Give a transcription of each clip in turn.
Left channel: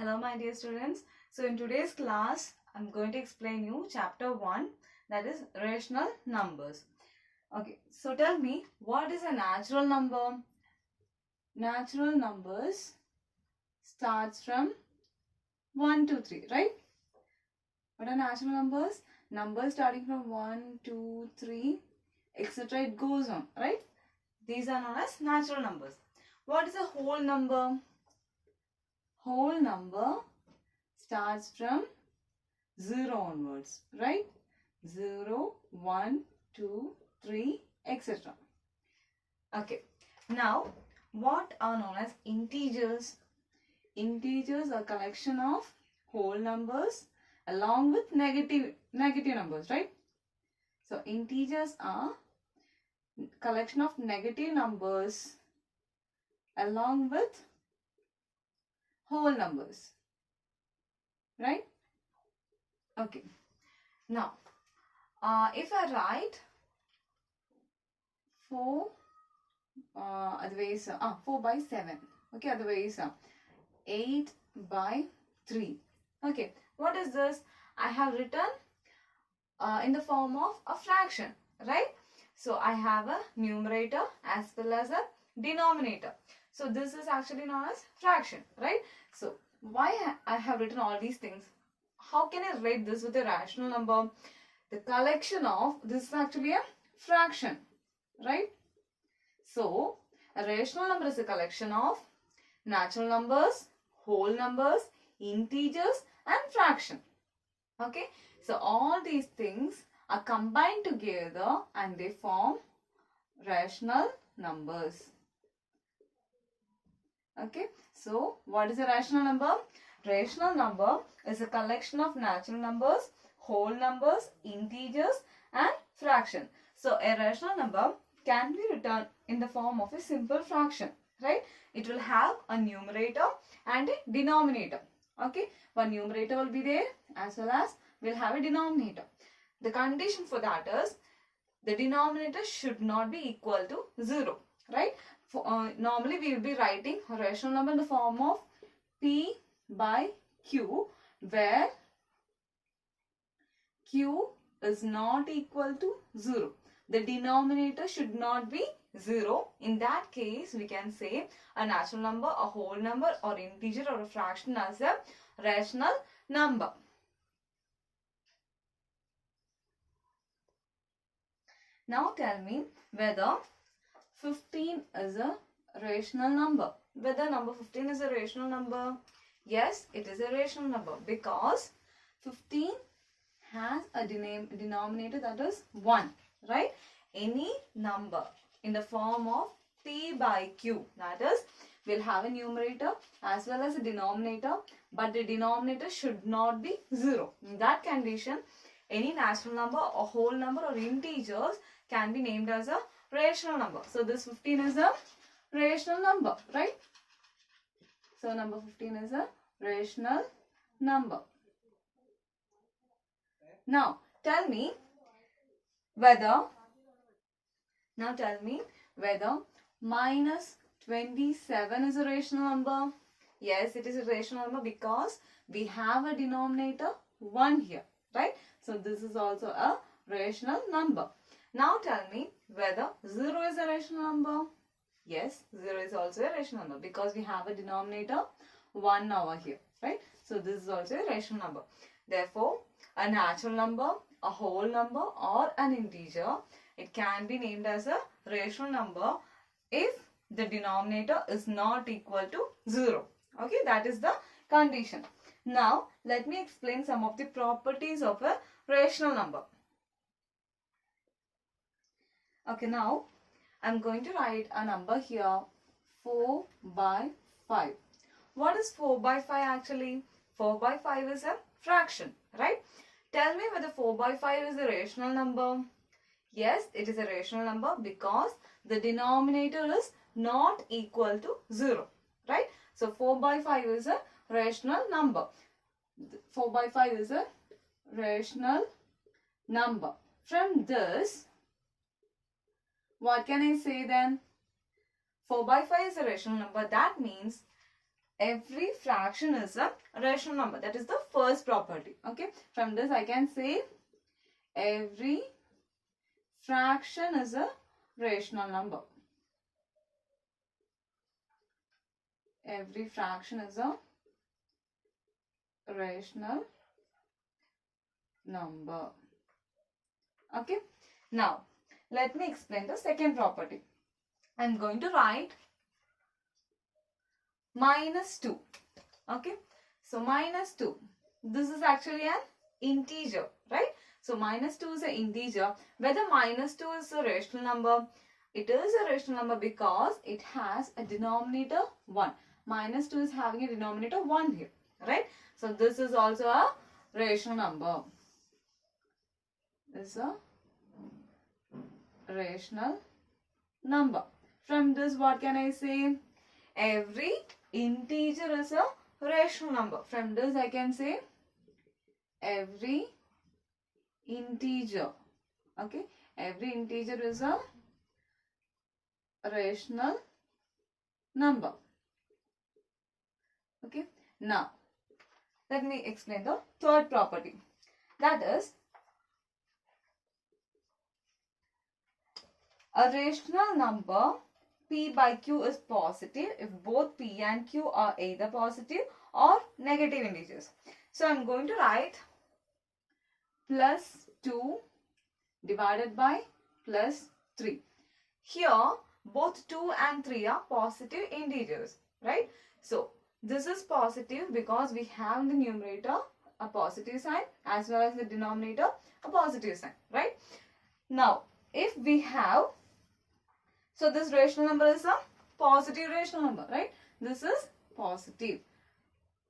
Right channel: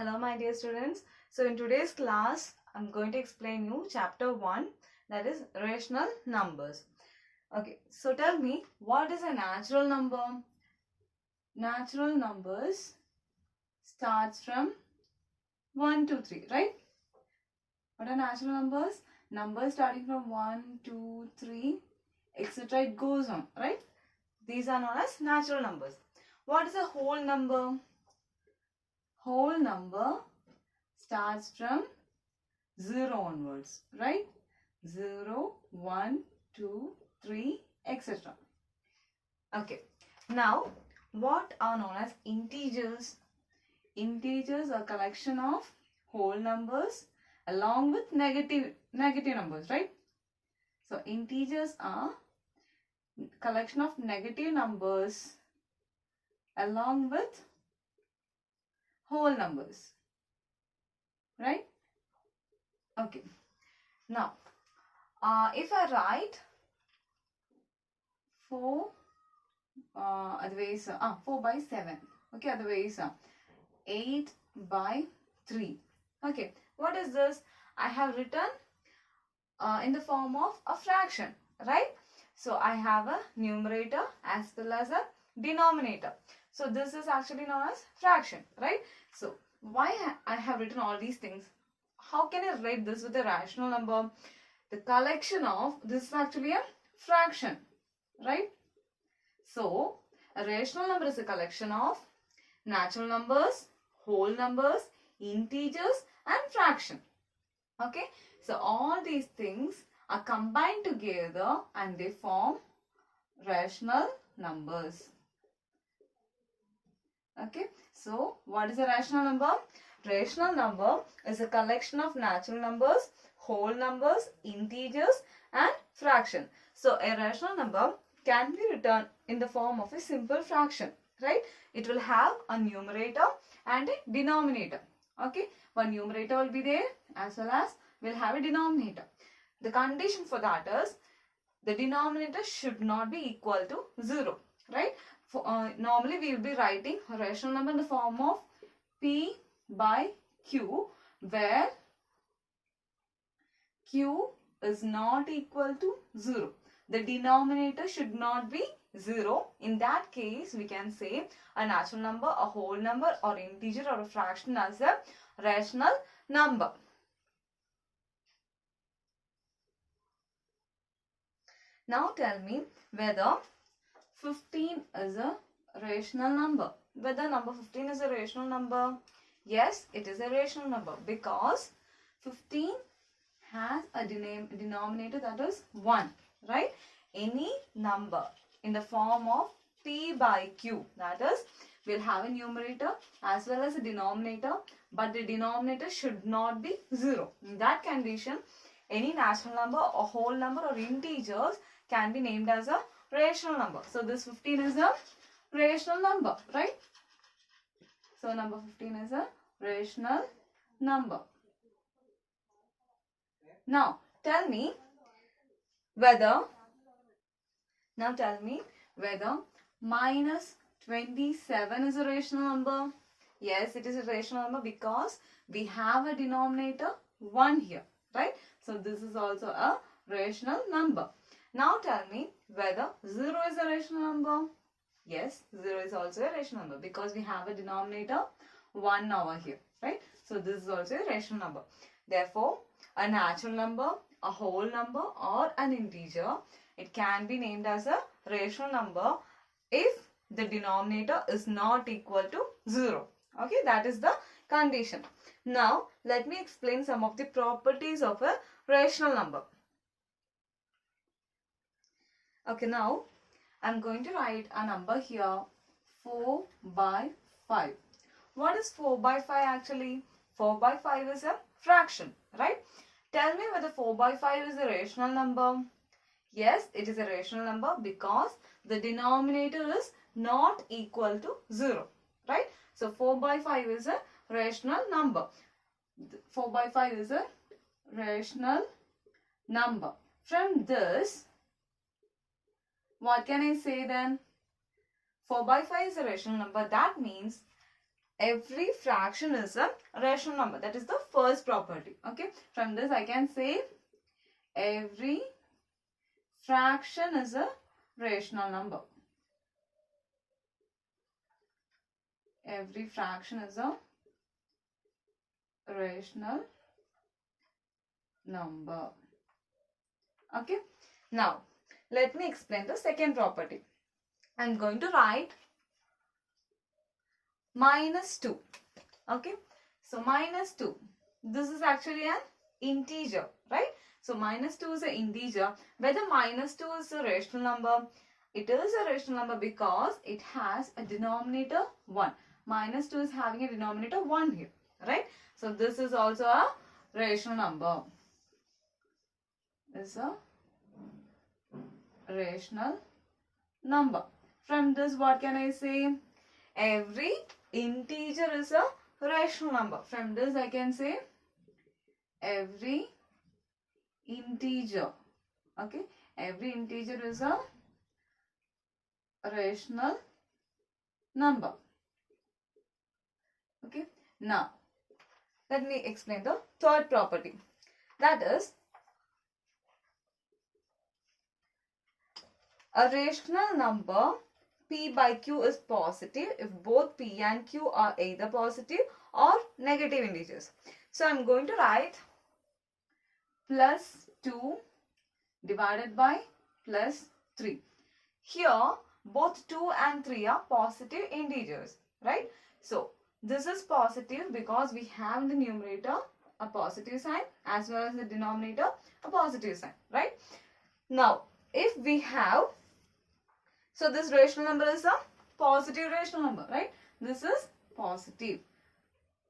Hello my dear students. So in today's class, I'm going to explain you chapter 1, that is rational numbers. Okay, so tell me, what is a natural number? Natural numbers starts from 1 to 3, right? What are natural numbers? Numbers starting from 1, 2, 3, etc. It goes on, right? These are known as natural numbers. What is a whole number? Whole number starts from 0 onwards, right? 0, 1, 2, 3, etc. Okay. Now, what are known as integers? Integers are collection of whole numbers along with negative numbers, right? So, integers are collection of negative numbers along with whole numbers, right? Okay. Now, if I write 4 otherwise 4 by 7, okay, otherwise 8 by 3. Okay, what is this? I have written in the form of a fraction, right? So I have a numerator as well as a denominator. So this is actually known as fraction, right? So why I have written all these things? How can I write this with a rational number? The collection of, this is actually a fraction, right? So a rational number is a collection of natural numbers, whole numbers, integers and fraction. Okay, so all these things are combined together and they form rational numbers. Okay, so what is a rational number? Rational number is a collection of natural numbers, whole numbers, integers and fraction. So a rational number can be written in the form of a simple fraction, right? It will have a numerator and a denominator. Okay, one numerator will be there as well as will have a denominator. The condition for that is the denominator should not be equal to 0, right? Normally we will be writing a rational number in the form of P by Q, where Q is not equal to 0. The denominator should not be 0. In that case, we can say a natural number, a whole number or integer or a fraction as a rational number. Now tell me whether 15 is a rational number. Whether number 15 is a rational number? Yes, it is a rational number because 15 has a denominator that is 1, right? Any number in the form of P by Q, that is, will have a numerator as well as a denominator, but the denominator should not be 0. In that condition, any natural number or whole number or integers can be named as a rational number. So this 15 is a rational number, right? So number 15 is a rational number. Now tell me whether minus 27 is a rational number. Yes, it is a rational number because we have a denominator 1 here, right? So this is also a rational number. Now tell me whether 0 is a rational number. Yes, 0 is also a rational number because we have a denominator 1 over here, right? So this is also a rational number. Therefore, a natural number, a whole number or an integer, it can be named as a rational number if the denominator is not equal to 0. Okay, that is the condition. Now, let me explain some of the properties of a rational number. Okay, now I'm going to write a number here, 4 by 5. What is 4 by 5 actually? 4 by 5 is a fraction, right? Tell me whether 4 by 5 is a rational number. Yes, it is a rational number because the denominator is not equal to 0, right? So 4 by 5 is a rational number. 4 by 5 is a rational number. From this, what can I say then? 4 by 5 is a rational number. That means every fraction is a rational number. That is the first property. Okay, from this I can say every fraction is a rational number. Every fraction is a rational number. Okay, now let me explain the second property. I am going to write -2. Okay, so -2. This is actually an integer, right? So -2 is an integer. Whether -2 is a rational number, it is a rational number because it has a denominator 1. -2 is having a denominator 1 here, right? So this is also a rational number. This is a rational number. From this, what can I say? Every integer is a rational number. From this, I can say every integer. Okay, every integer is a rational number. Okay, now let me explain the third property. That is, a rational number P by Q is positive if both P and Q are either positive or negative integers. So I am going to write +2 divided by +3. Here both 2 and 3 are positive integers, right? So this is positive because we have in the numerator a positive sign as well as the denominator a positive sign, right? Now if we have, so this rational number is a positive rational number, right? This is positive.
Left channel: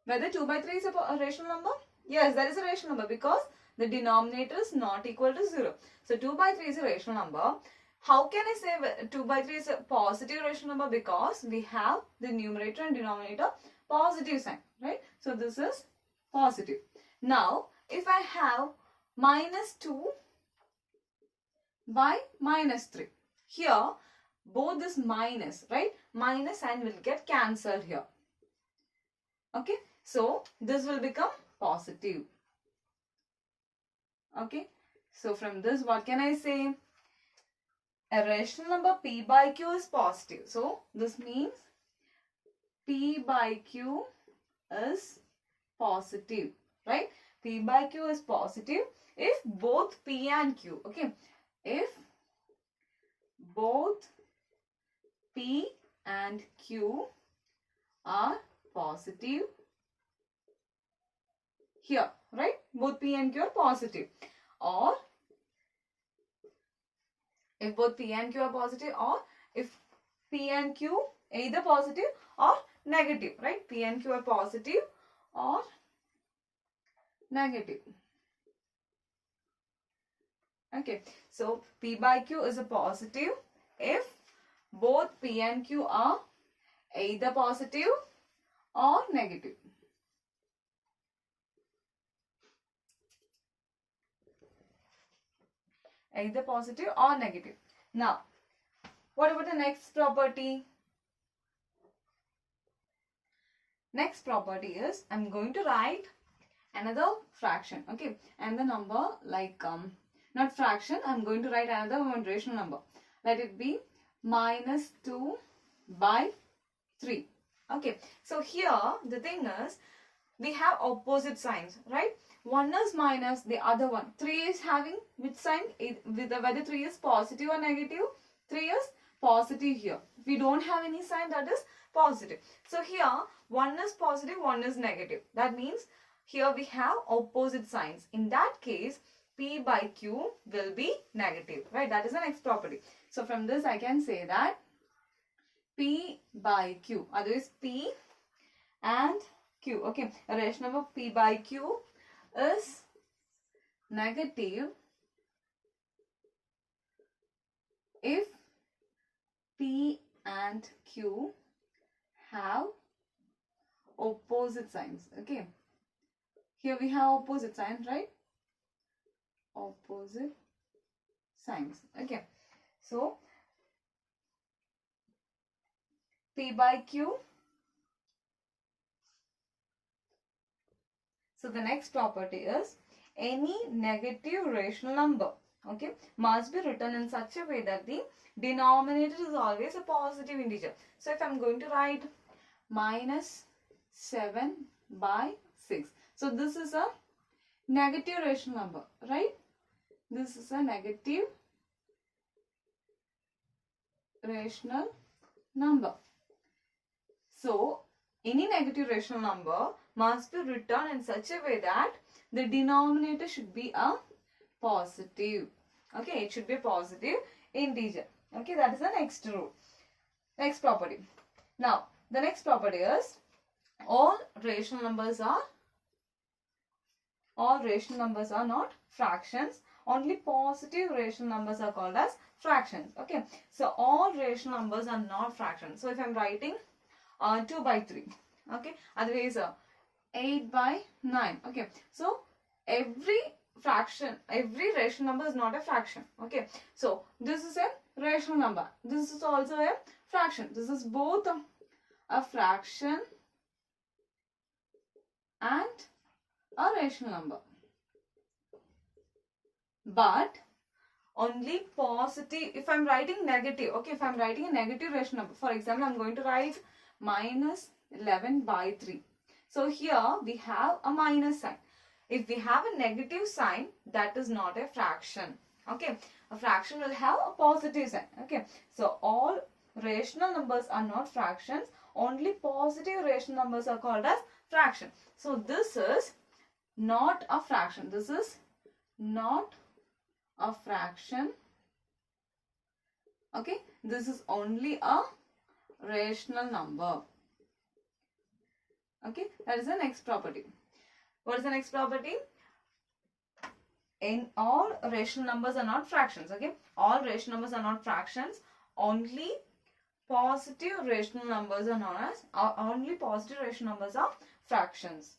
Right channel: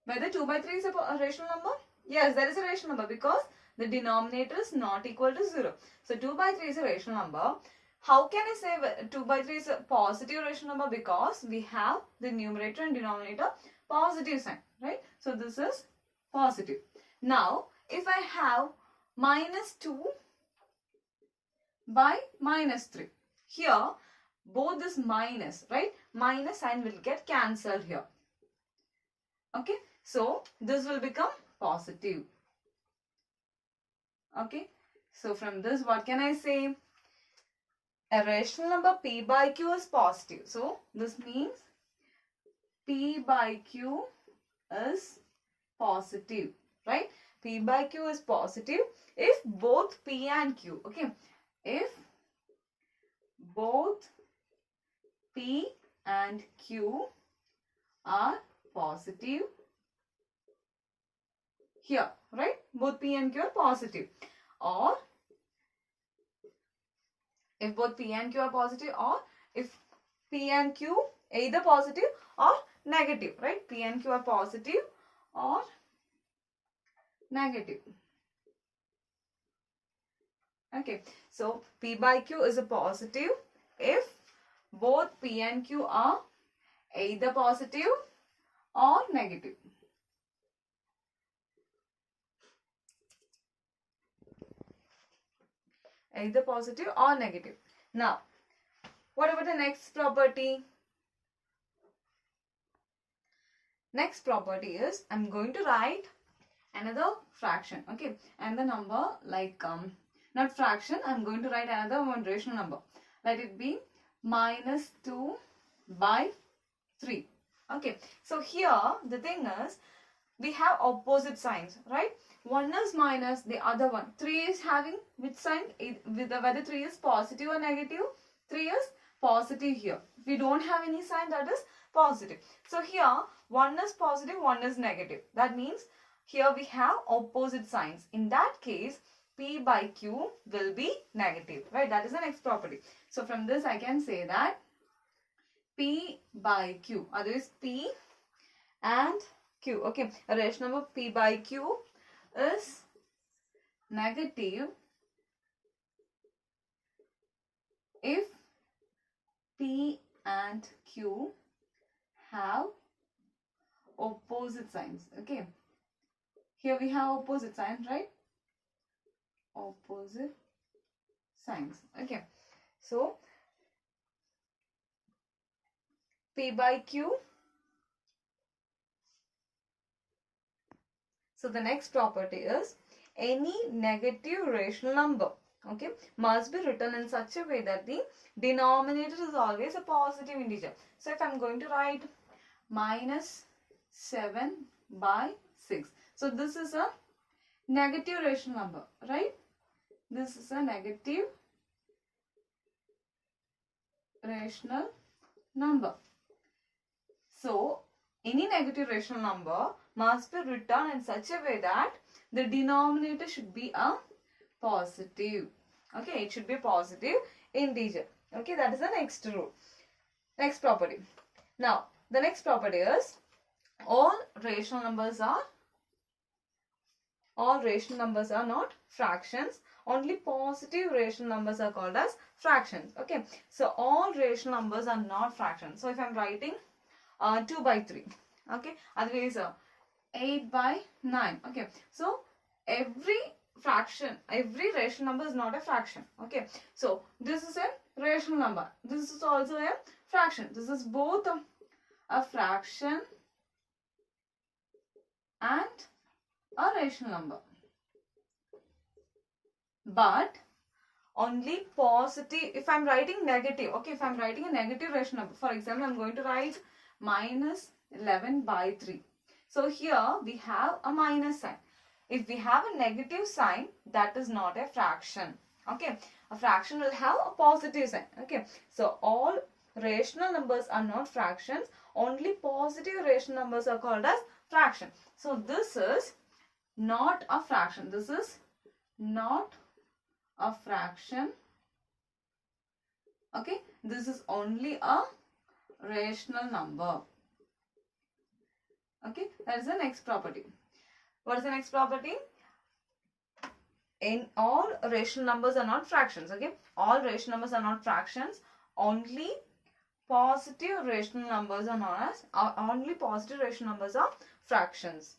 Whether 2 by 3 is a rational number? Yes, that is a rational number because the denominator is not equal to 0. So 2 by 3 is a rational number. How can I say 2 by 3 is a positive rational number? Because we have the numerator and denominator positive sign, right? So this is positive. Now, if I have -2 by -3, here both this minus, right? Minus sign will get cancelled here. Okay, so this will become positive. Okay, so from this, what can I say? A rational number P by Q is positive. So this means P by Q is positive, right? P by Q is positive if both P and Q, okay? If both P and Q are positive here, right? Both P and Q are positive. Or if both P and Q are positive, or if P and Q either positive or negative, right? P and Q are positive or negative. Okay, so P by Q is a positive if both P and Q are either positive or negative. Either positive or negative. Now, what about the next property? Next property is, I'm going to write another fraction, okay? And the number like, not fraction, I'm going to write another one rational number. Let it be -2 by 3. Okay, so here the thing is, we have opposite signs, right? One is minus, the other one. 3 is having which sign? Whether 3 is positive or negative? 3 is positive here. If we don't have any sign, that is positive. So here, one is positive, one is negative. That means here we have opposite signs. In that case, P by Q will be negative, right? That is the next property. So from this, I can say that P by Q, otherwise P and Q, okay? A rational number P by Q is negative if P and Q have opposite signs, okay? Here we have opposite signs, right? Opposite signs, okay? So, P by Q So the next property is any negative rational number, okay, must be written in such a way that the denominator is always a positive integer. So if I'm going to write minus 7 by 6. So this is a negative rational number, right? This is a negative rational number. So any negative rational number must be written in such a way that the denominator should be a positive. Okay, it should be a positive integer. Okay, that is the next rule. Next property. Now, the next property is all rational numbers are not fractions. Only positive rational numbers are called as fractions. Okay, so all rational numbers are not fractions. So if I'm writing 2 by 3, okay, otherwise 8 by 9. Okay, so every rational number is not a fraction. Okay, so this is a rational number, this is also a fraction. This is both a fraction and a rational number, but only positive. If I'm writing negative, okay, if I'm writing a negative rational number, for example, I'm going to write minus 11 by 3. So here we have a minus sign. If we have a negative sign, that is not a fraction. Okay, a fraction will have a positive sign. Okay, so all rational numbers are not fractions. Only positive rational numbers are called as fraction. So this is not a fraction. This is not a fraction. Okay, this is only a rational number. Okay, that is the next property. What is the next property? In all rational numbers are not fractions. Okay, all rational numbers are not fractions. Only positive rational numbers are known as only positive rational numbers are fractions.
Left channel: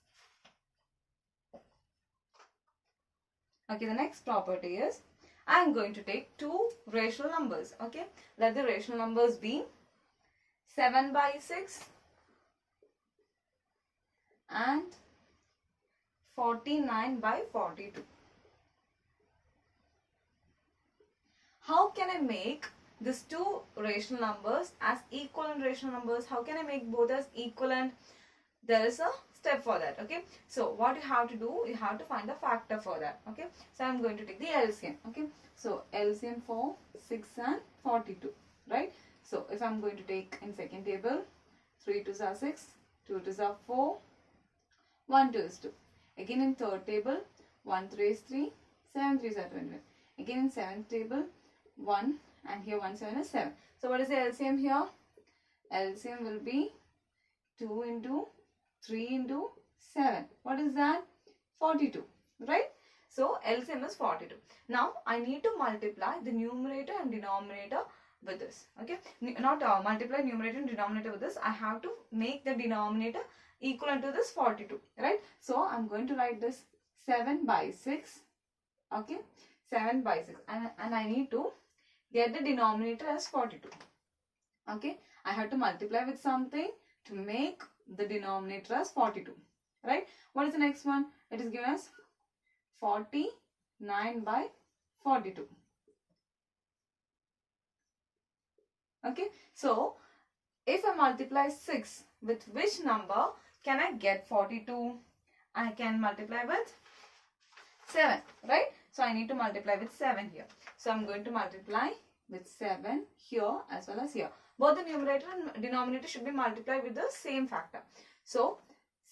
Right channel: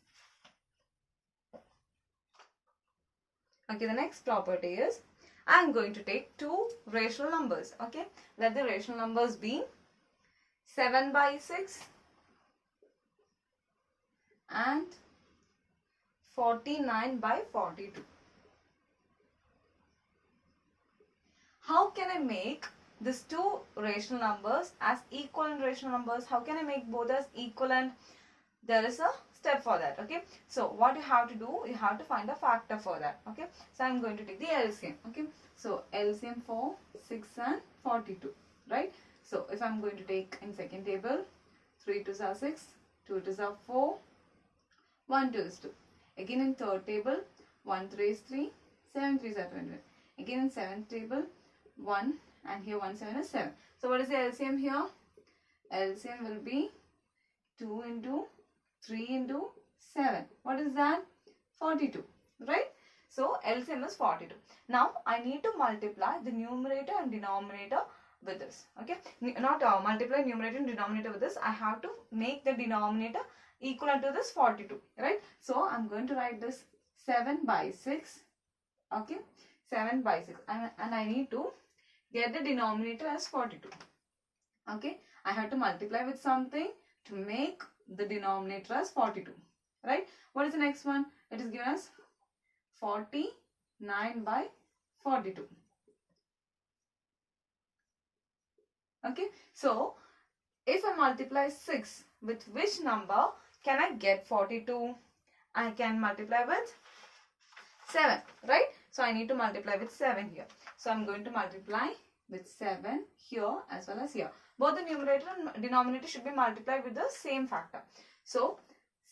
Okay, the next property is I am going to take two rational numbers. Okay, let the rational numbers be 7 by 6 and 49 by 42. How can I make these two rational numbers as equivalent rational numbers? How can I make both as equivalent? There is a step for that. Okay, so what you have to do, you have to find a factor for that. Okay, so I'm going to take the LCM. Okay, so LCM for 6 and 42, right? So if I'm going to take in second table, 3 2s are 6, 2 2s are 4, 1 2 is 2. Again in third table, 1 3 is 3, 7 3s are 21. Again in seventh table, 1 and here 1 7 is 7. So what is the LCM here? LCM will be 2 into 3 into 7. What is that? 42, right? So LCM is 42. Now I need to multiply the numerator and denominator with this. Okay, not multiply numerator and denominator with this. I have to make the denominator equivalent to this 42, right? So I'm going to write this 7 by 6. Okay, 7 by 6, and I need to get the denominator as 42. Okay, I have to multiply with something to make the denominator as 42, right? What is the next one? It is given as 49 by 42. Okay, so if I multiply 6 with which number can I get 42? I can multiply with 7, right? So I need to multiply with 7 here. So I'm going to multiply with 7 here as well as here. Both the numerator and denominator should be multiplied with the same factor. So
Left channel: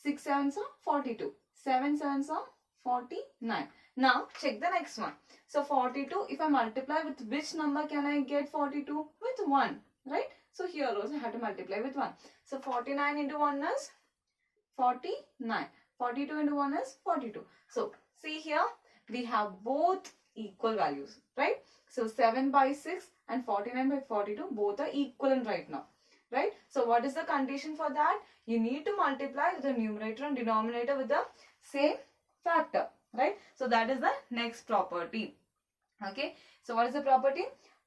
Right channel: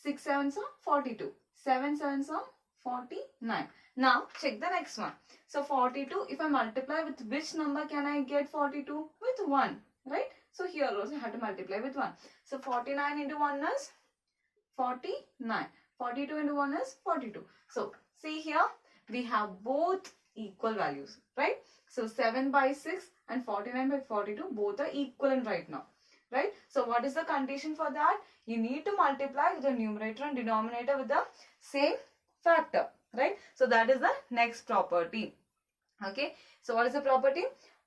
6 7s are 42. 7 7s are 49. Now check the next one. So 42, if I multiply with which number can I get 42? With 1, right? So here also I have to multiply with 1. So 49 into 1 is 49. 42 into 1 is 42. So see here we have both equal values, right? So 7 by 6 and 49 by 42 both are equivalent right now, right? So what is the condition for that? You need to multiply the numerator and denominator with the same factor, right? So that is the next property. Okay, so what is the property?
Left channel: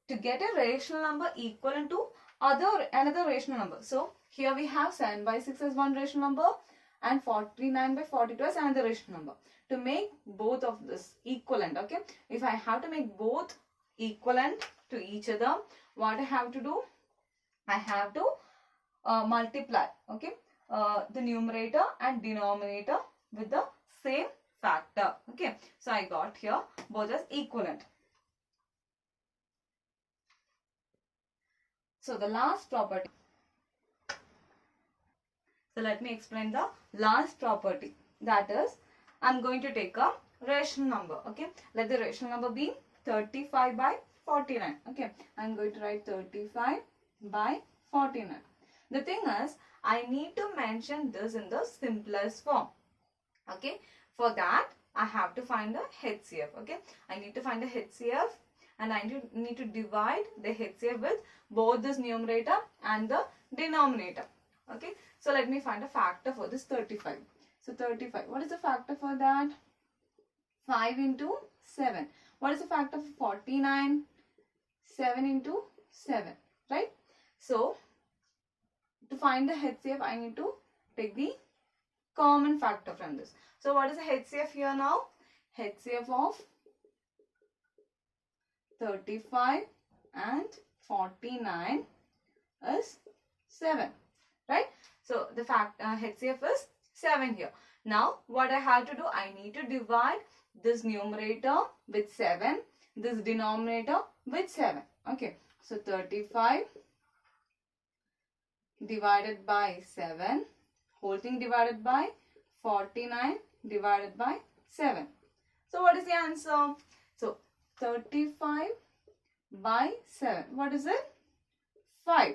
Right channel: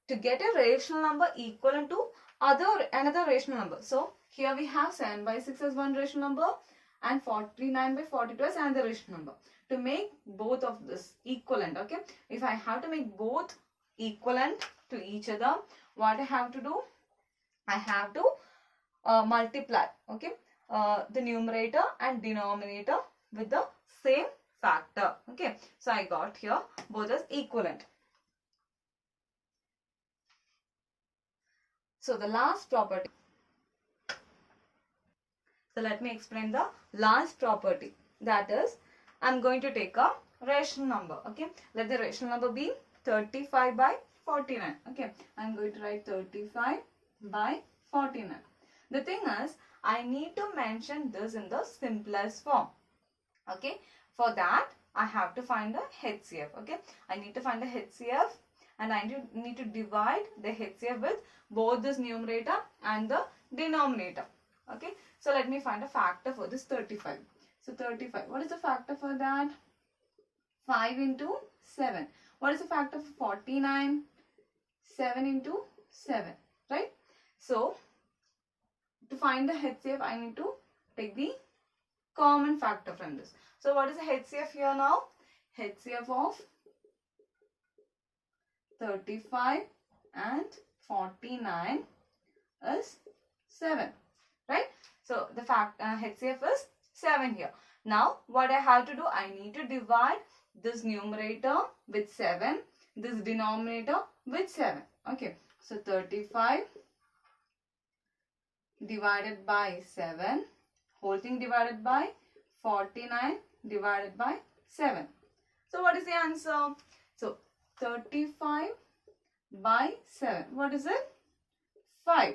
To get a rational number equivalent to another rational number. So here we have 7 by 6 as one rational number and 49 by 42 as another rational number. To make both of this equivalent, okay, if I have to make both equivalent to each other, what I have to do? I have to multiply, okay, the numerator and denominator with the same factor. Okay, so I got here both as equivalent. So the last property. So let me explain the last property. That is, I'm going to take a rational number. Okay, let the rational number be 35 by 49. Okay, I'm going to write 35 by 49. The thing is, I need to mention this in the simplest form. Okay, for that I have to find the HCF. Okay, I need to find the HCF and I need to divide the HCF with both this numerator and the denominator. Okay, so let me find a factor for this 35. So 35, what is the factor for that? 5 into 7. What is the factor for 49? 7 into 7, right? So to find the HCF, I need to take the common factor from this. So what is the HCF here now? HCF of 35 and 49 is 7, right? So the HCF is 7 here. Now what I have to do, I need to divide this numerator with 7, this denominator with 7. Okay, so 35 divided by 7, whole thing divided by 49 divided by 7. So what is the answer? So 35 by 7. What is it? 5.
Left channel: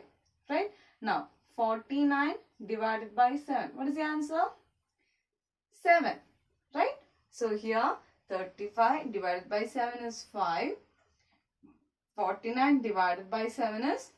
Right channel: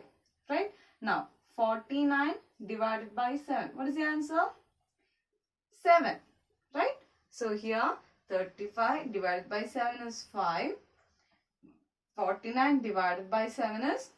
Right? Now 49 divided by 7. What is the answer? 7. Right? So here 35 divided by 7 is 5. 49 divided by 7 is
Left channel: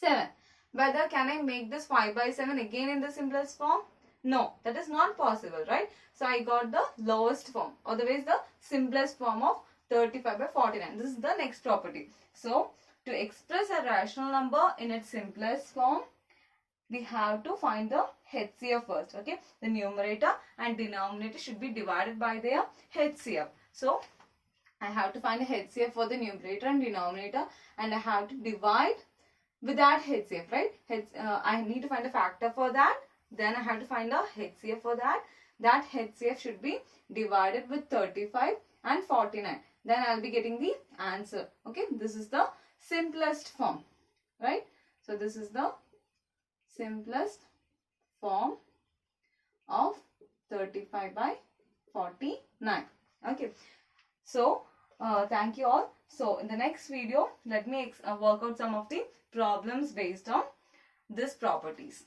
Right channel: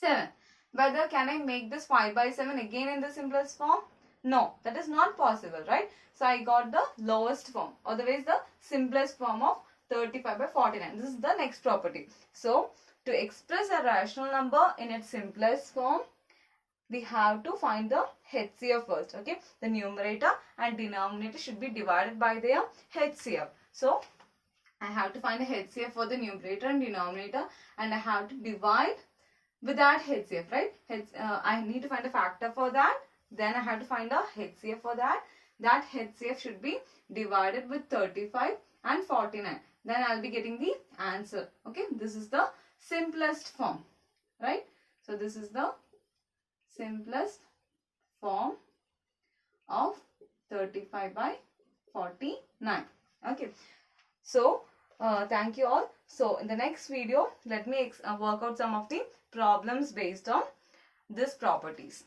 7. Whether can I make this 5 by 7 again in the simplest form? No, that is not possible, right? So I got the lowest form, otherwise the simplest form of 35 by 49. This is the next property. So to express a rational number in its simplest form, we have to find the HCF first. Okay, the numerator and denominator should be divided by their HCF. So I have to find the HCF for the numerator and denominator, and I have to divide with that HCF, right? I need to find a factor for that. Then I have to find a HCF for that. That HCF should be divided with 35 and 49. Then I'll be getting the answer. Okay, this is the simplest form, right? So this is the simplest form of 35 by 49. Okay, so thank you all. So in the next video, let me work out some of the problems based on these properties.